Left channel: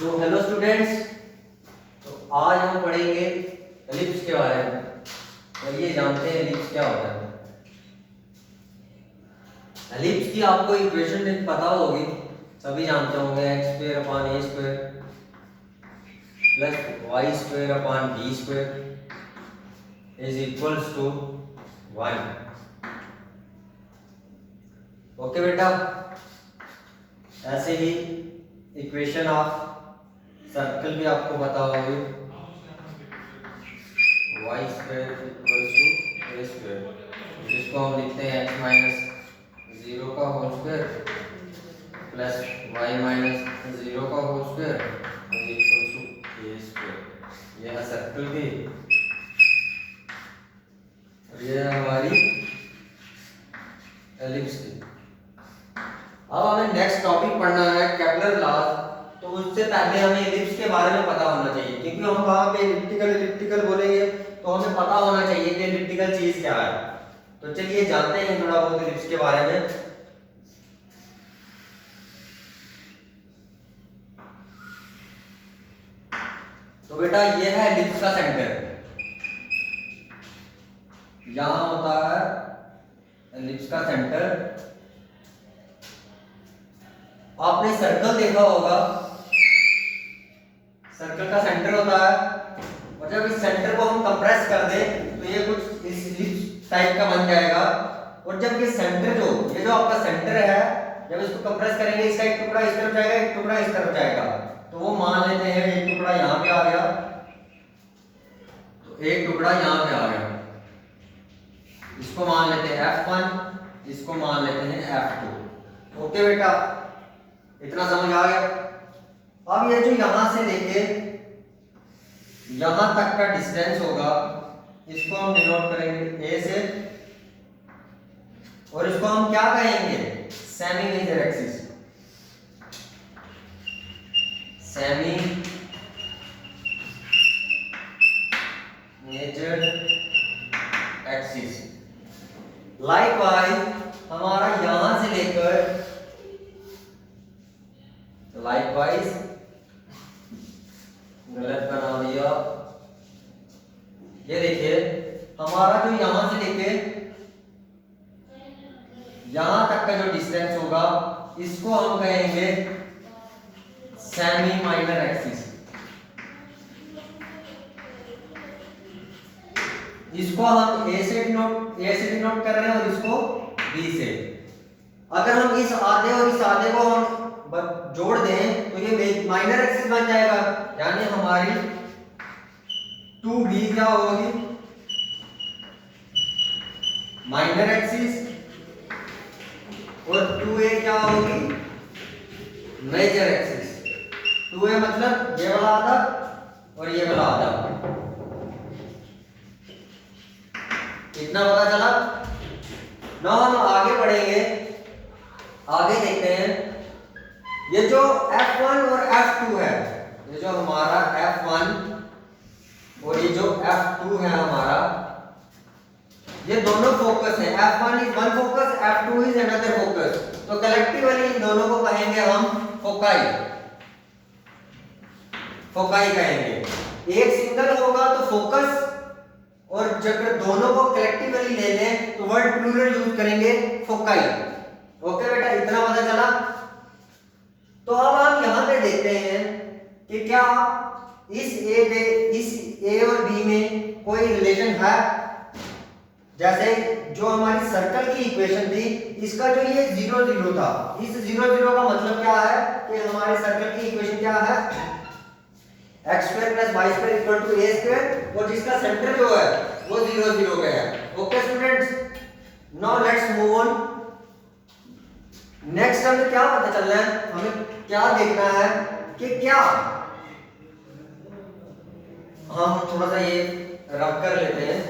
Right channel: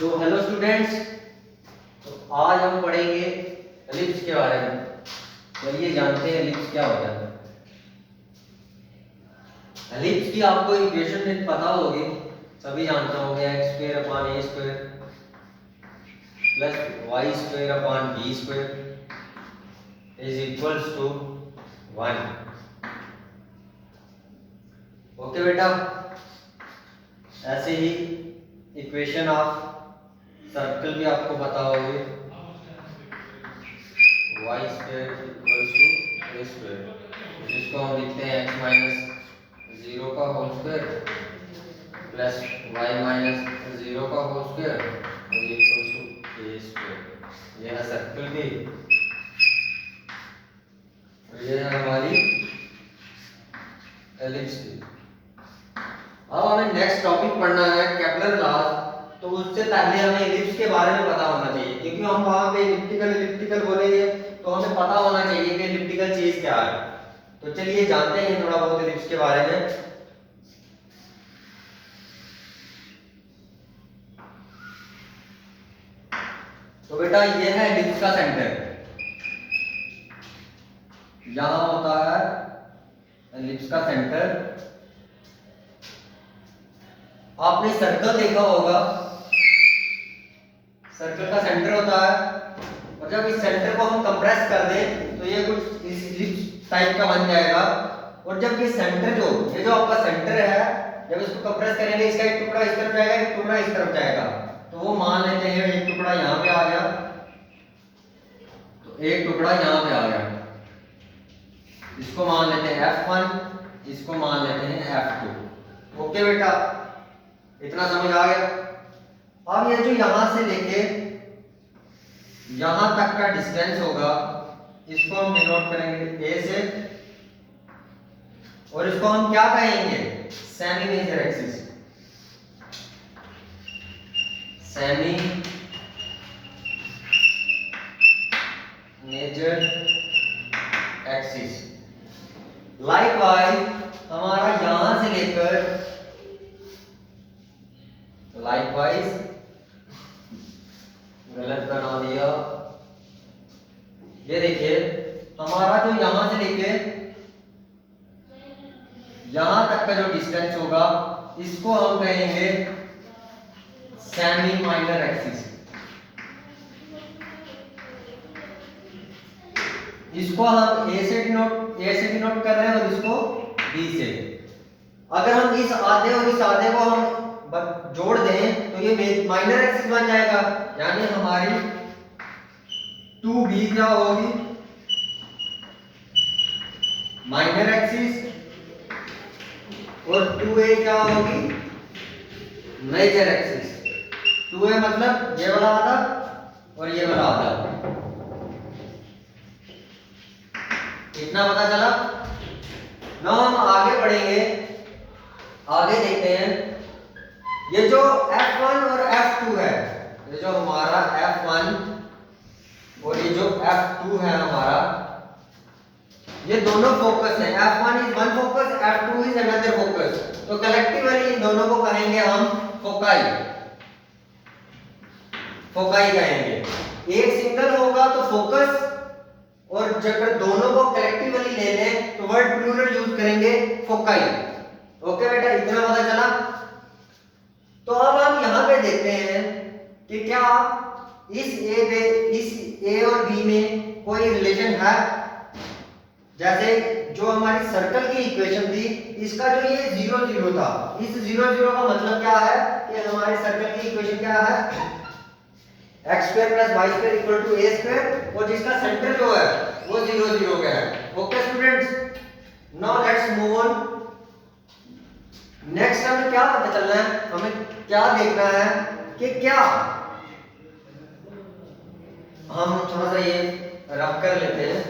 तो hello students, तो आज हम पढ़ेंगे एलिप्स के बारे में। चलिए जानते हैं एलिप्स क्या होता है। एलिप्स की आपको इक्वेशन पता होगी, सभी जानते होंगे। X square upon a square plus y square upon b square is equals to 1। Okay बेटा, ऐसे ही इक्वेशन ऑफ सर्कल भी आपको पता होगी। Y square equals to A square, जिसको हम लिखते हैं एक्स माइनस जीरो का whole square plus Y minus zero का whole square is equals to A square. यह है सर्कल की और यह है हमारी एलिप्स की। अब हमें नेक्स्ट टॉपिक पढ़ना है केपलर लॉज। तो उससे पहले हमें एलिप्स के बारे में पता होना चाहिए, क्योंकि हम वहां पे एलिप्टिकल बोलेंगे तो हमें पता होना चाहिए कि एलिप्टिकल चीज क्या है। तो चलिए जानते हैं थोड़ा बहुत एलिप्स के बारे में। तो बेटा ये है एलिप्स का सेंटर, यहां होता है एलिप्स का सेंटर। आपने सर्कल देखा होगा, सर्कल का सेंटर होता है, और जब इस सेंटर को हम कंप्रेस कर दें तो ये कुछ इस एलिप्स टाइप का बन जाएगा। और जब ये सेंटर ये जो आपका सेंटर है, जब इसको कंप्रेस करेंगे, इसका एक टुकड़ा इस तरफ जाएगा, एक टुकड़ा इस तरफ जाएगा। तो वो मान लेते हैं एक टुकड़ा यहाँ पे आ गया, तो एक टुकड़ा यहाँ पे आ गया, इसको मान लेते हैं F1, इसको मान लेते हैं F2। ओके बेटा, इतना समझ आ गया। अब ये जो यहां से लेके यहां तक का डिस्टेंस होगा, इसको हम डिनोट करेंगे ए से, और इसको हम क्या कहेंगे? Semi major axis. Semi major axis. Likewise हमारा यहां से लेकर, लाइकवाइज गलत बना दिया, ये देखिए हमारा जो यहां से लेके यहां तक का जो डिस्टेंस होगा, इसको हम कहेंगे सेमी माइनर एक्सिस। इसको हम ए से डिनोट कर रहे हैं और इसको बी से। अगर हम इस आधे और इस आधे को हम जोड़ दें तो ये माइनर एक्सिस बन जाएगा, यानी हमारी 2b क्या होगी? माइनर एक्सिस, और 2a क्या होगी? Major axis. 2a मतलब ये वाला आधा और ये वाला आधा। इतना पता चला ना। हम आगे बढ़ेंगे, आगे देखते हैं। ये जो F1 और F2 है, ये जो हमारा F1 और ये जो F2 है हमारा, ये दोनों फोकस हैं। F1 is one focus, F2 is another focus. तो कलेक्टिवली इन दोनों को कहेंगे हम फोकाई। फोकाई कहेंगे। एक सिंगल होगा तो फोकस, और जब दोनों को कलेक्टिवली ले लें तो वर्ड प्लूरल यूज करेंगे फोकाई। ओके बेटा, इतना पता चला। तो अब हम यहां पे देखते हैं कि क्या इस ए और बी में कोई रिलेशन है। जैसे जो हमारी सर्कल की इक्वेशन थी, इसका जो ये 0 0 था, इस 0 0 का मतलब क्या है कि हमारे सर्कल की इक्वेशन क्या है? X square plus y square equal to A square, और जिसका सेंटर जो है वो 0 0 का है। Okay students, now let's move on. Next हमें क्या पता चलना है, हमें क्या देखना है कि क्या हम थोड़ा सा ये रब कर लेते हैं।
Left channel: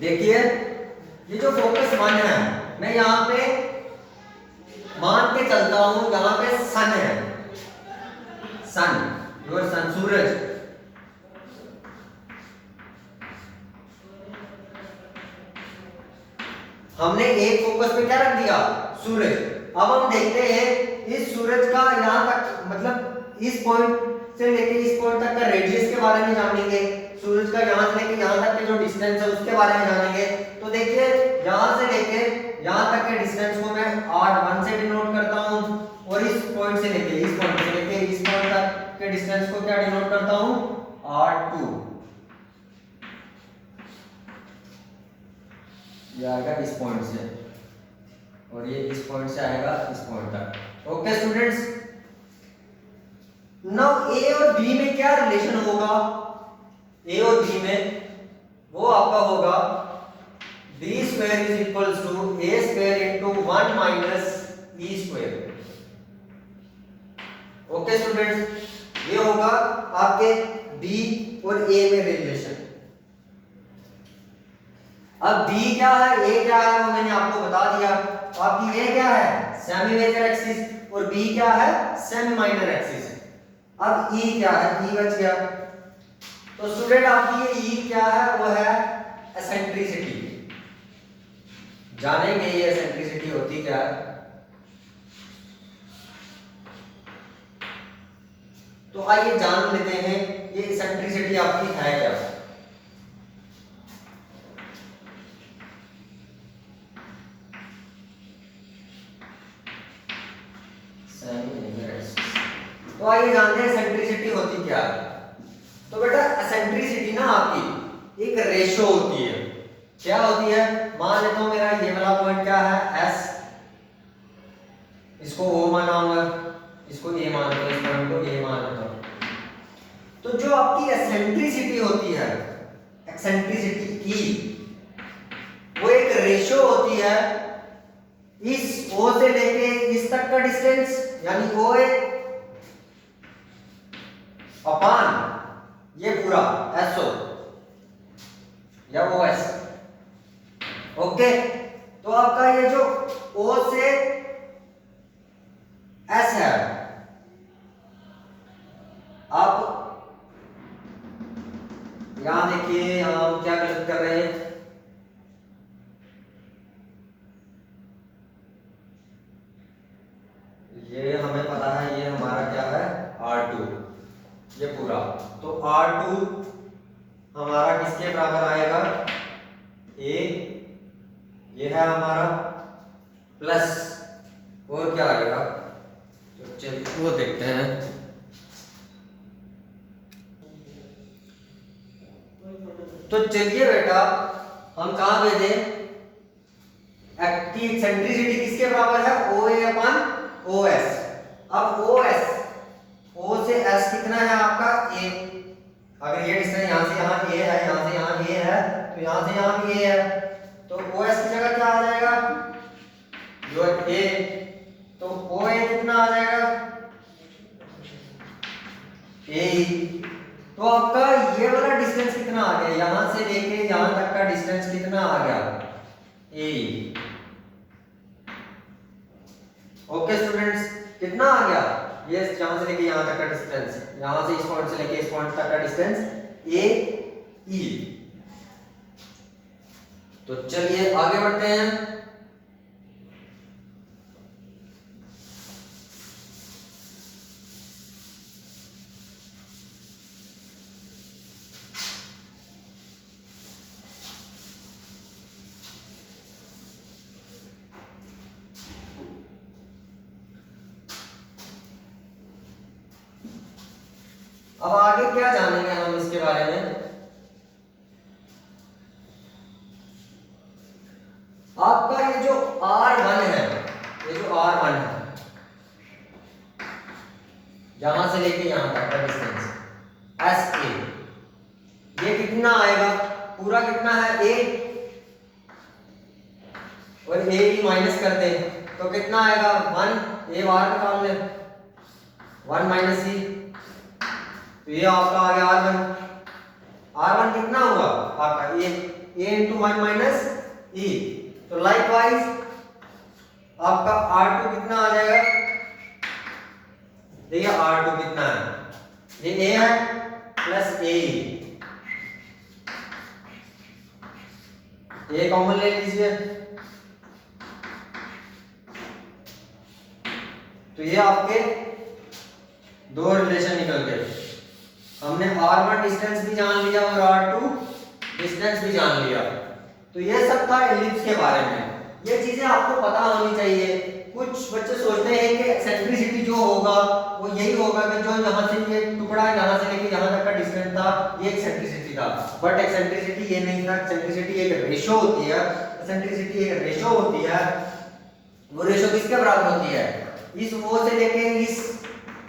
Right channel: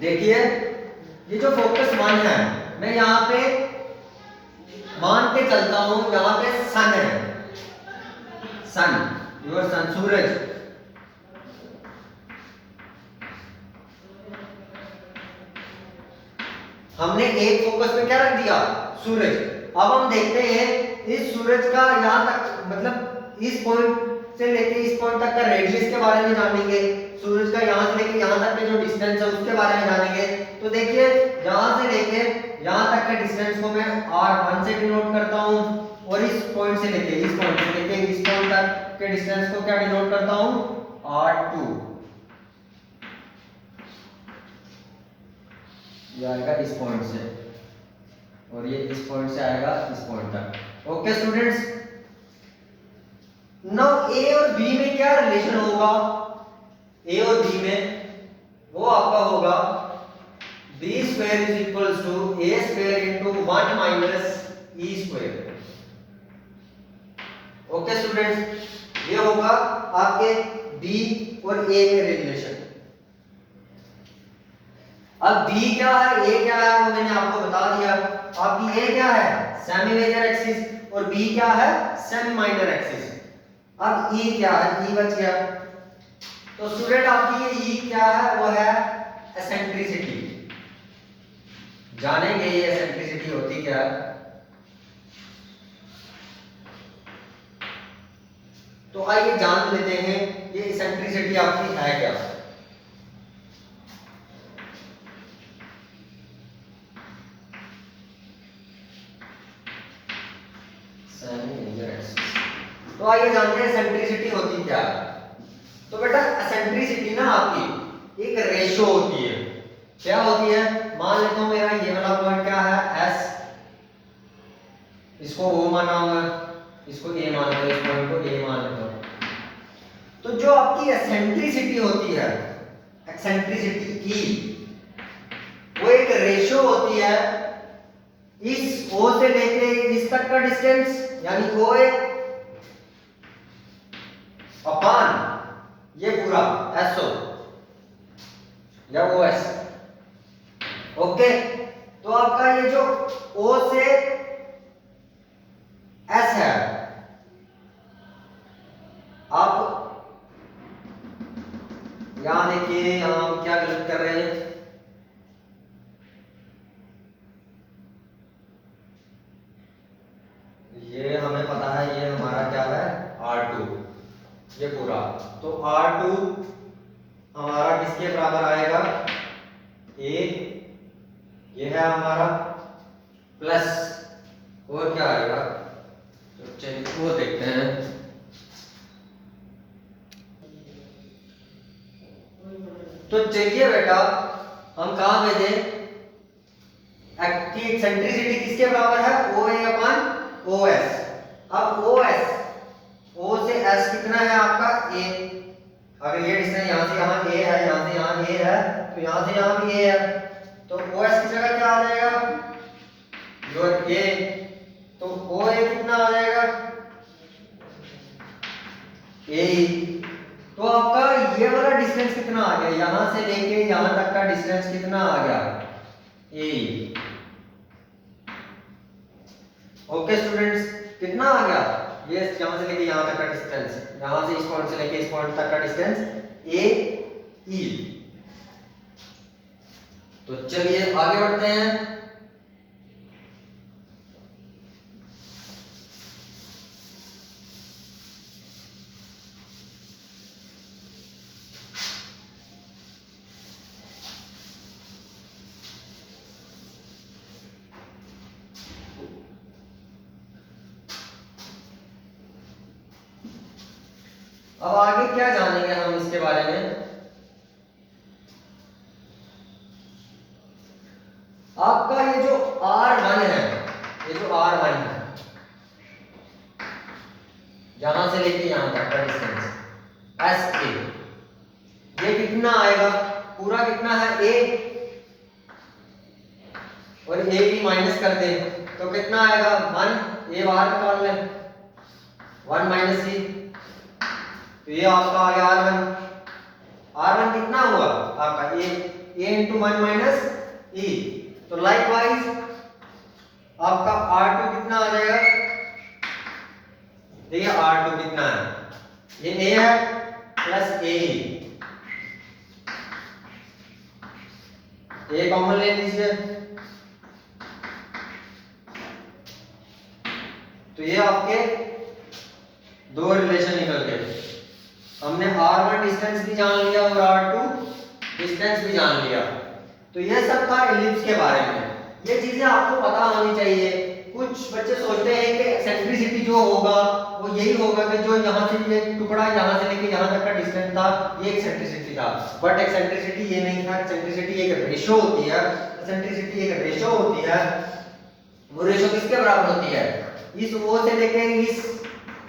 देखिए ये जो फोकस 1 है, मैं यहां पे मान के चलता हूं, यहां पे सन है, सन, योर सन, सूरज। हमने एक फोकस पे क्या रख दिया? सूरज। अब हम देखते हैं इस सूरज का यहाँ तक मतलब इस पॉइंट से लेके इस पॉइंट तक का रेडियस के बारे में जानेंगे। सूरज का यहाँ से लेके यहाँ तक के जो डिस्टेंस है उसके बारे में जानेंगे। तो देखिए यहाँ से लेके यहाँ तक के डिस्टेंस को मैं r1 से डिनोट करता हूँ और इस पॉइंट से लेके इस पॉइंट तक के डिस्टेंस को क्या डिनोट करता हूँ r2। ये आएगा इस पॉइंट से और ये इस पॉइंट से आएगा इस पॉइंट तक। ओके स्टूडेंट्स, नाउ ए और बी में क्या रिलेशन होगा? ए और बी में वो आपका होगा b square is equals to A square into 1 minus e square. Okay students, ये होगा आपके बी और ए में रिलेशन। अब बी क्या है ए क्या है वो मैंने आपको बता दिया। आपकी ए क्या है सेमी मेजर एक्सिस और बी क्या है सेमी माइनर एक्सिस। अब ई क्या है ई बच गया। तो स्टूडेंट आपकी ये ई क्या है वो है एसेंट्रिसिटी। जानेंगे ये एसेंट्रिसिटी होती क्या है। तो आइए जान लेते हैं ये एसेंट्रिसिटी आपकी है क्या। तो आइए जानते हैं एसेंट्रिसिटी होती क्या है। तो बेटा एसेंट्रिसिटी ना आपकी एक रेशो होती है। क्या होती है? मान लेता हूं मेरा ये वाला पॉइंट क्या है S, इसको O माना हुआ, इसको A मान लेता हूं, इस पॉइंट को A मान लेता हूं। तो जो आपकी एसेंट्रिसिटी होती है, एक्सेंट्रिसिटी की, वो एक रेशो होती है इस O से लेके इस तक का डिस्टेंस यानी OA अपान ये पूरा SO या OS। ओके, तो आपका ये जो O से S है, आप यहां देखिए यहां हम क्या गलत कर रहे हैं। ये हमें पता है ये हमारा क्या है R2 ये पूरा। तो R2 हमारा किसके बराबर आएगा A, ये है हमारा प्लस और क्या आएगा तो चलिए वो देखते हैं। तो चलिए बेटा हम कहां पे थे कि एक्सेंट्रिसिटी किसके बराबर है OA अपान OS। अब OS O से S कितना है आपका A। अगर ये डिस्टेंस यहां से यहां A है, यहां से यहां A है, तो यहां से यहां भी A है, तो OS की जगह क्या आ जाएगा योर A। तो OA कितना आ जाएगा A। तो आपका ये वाला डिस्टेंस कितना आ गया, यहां से लेके यहां तक का डिस्टेंस कितना आ गया A। ओके स्टूडेंट्स, कितना आ गया ये यहां से लेके यहां तक का डिस्टेंस, यहां से इस पॉइंट से लेके इस पॉइंट तक का डिस्टेंस AE। तो चलिए आगे बढ़ते हैं। अब आगे क्या जानेंगे हम इसके बारे में। आपका ये जो R1 है, ये जो R1 है यहां से लेके यहां तक का डिस्टेंस SA, ये कितना आएगा पूरा कितना है A और A भी माइनस कर दे तो कितना आएगा 1 A बाहर निकाल ले 1 माइनस E। तो ये आपका आ गया R1 कितना हुआ आपका A इंटू 1 माइनस E। तो लाइकवाइज आपका R2 कितना आ जाएगा, देखिए R2 कितना है ये A है प्लस A कॉमन ले लीजिए। तो ये आपके दो रिलेशन निकल गए। हमने r1 डिस्टेंस भी जान लिया और r2 डिस्टेंस भी जान लिया। तो ये सब था एलिप्स के बारे में। ये चीजें आपको पता होनी चाहिए। कुछ बच्चे सोचते हैं कि एक्सेंट्रिसिटी जो होगा वो यही होगा कि जो यहाँ से ये टुकड़ा यहाँ से लेके यहाँ तक का डिस्टेंस था ये एक्सेंट्रिसिटी था, बट एक्सेंट्रिसिटी ये नहीं था। एक्सेंट्रिसिटी एक रेशो होती है। एक्सेंट्रिसिटी एक रेशो होती है। वो रेशो किसके बराबर होती है? इस O से लेके इस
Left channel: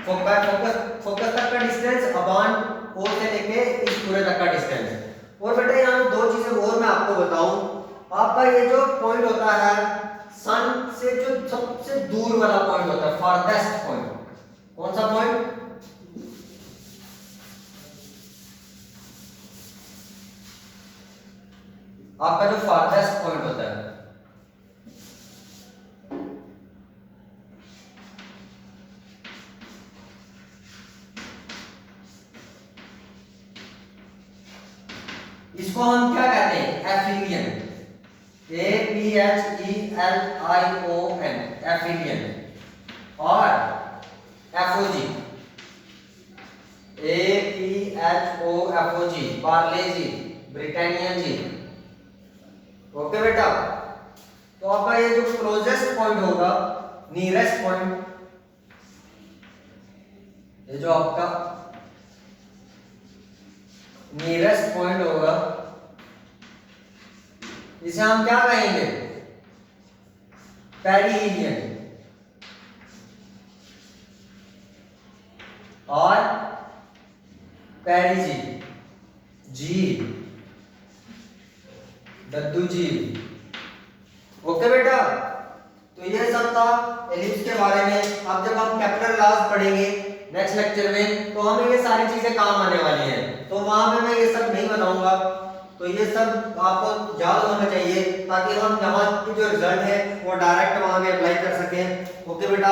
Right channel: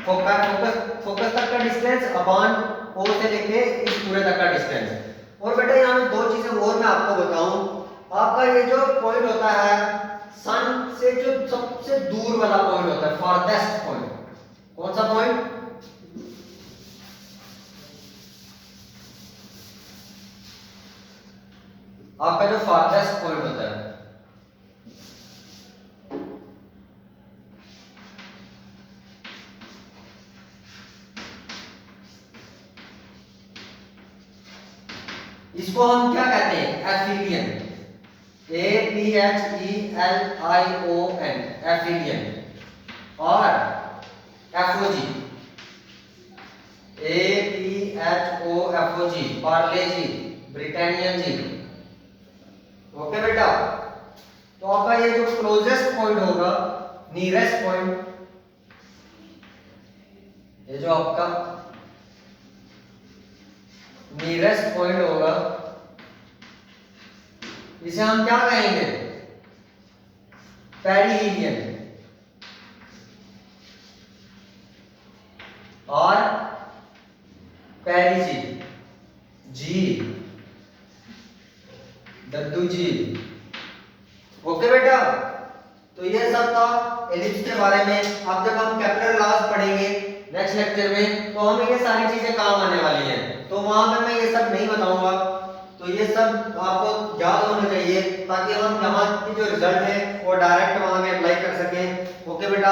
फोकस तक का डिस्टेंस अपॉन O से लेके इस पूरे तक का डिस्टेंस। और बेटा यहाँ में दो चीजें और मैं आपको बताऊं। आपका ये जो पॉइंट होता है सन से जो सबसे दूर वाला पॉइंट होता है, फारदेस्ट पॉइंट, कौन सा पॉइंट? आपका जो फारदेस्ट पॉइंट होता है, इसको हम क्या कहते हैं? एफिलियन। APHELION, एफिलियन। और एफओजी, APHOFOG, पार्ले जी, ब्रिटानियन जी। ओके बेटा, तो आपका ये जो क्लोजेस्ट पॉइंट होगा, नियरेस्ट पॉइंट, ये जो आपका नियरेस्ट पॉइंट होगा, इसे हम क्या कहेंगे? पेरिहीलियन। और पेरिजी, जी, दद्दू जी। ओके बेटा, तो ये सब था एलिप्स के बारे में। अब जब हम कैपिटल लॉज पढ़ेंगे नेक्स्ट लेक्चर में, तो हमें ये सारी चीजें काम आने वाली हैं। तो वहां पे मैं ये सब नहीं बताऊंगा। तो ये सब आपको याद होना चाहिए ताकि हम यहाँ की जो रिजल्ट है वो डायरेक्ट वहां पे अप्लाई कर सकें। ओके बेटा,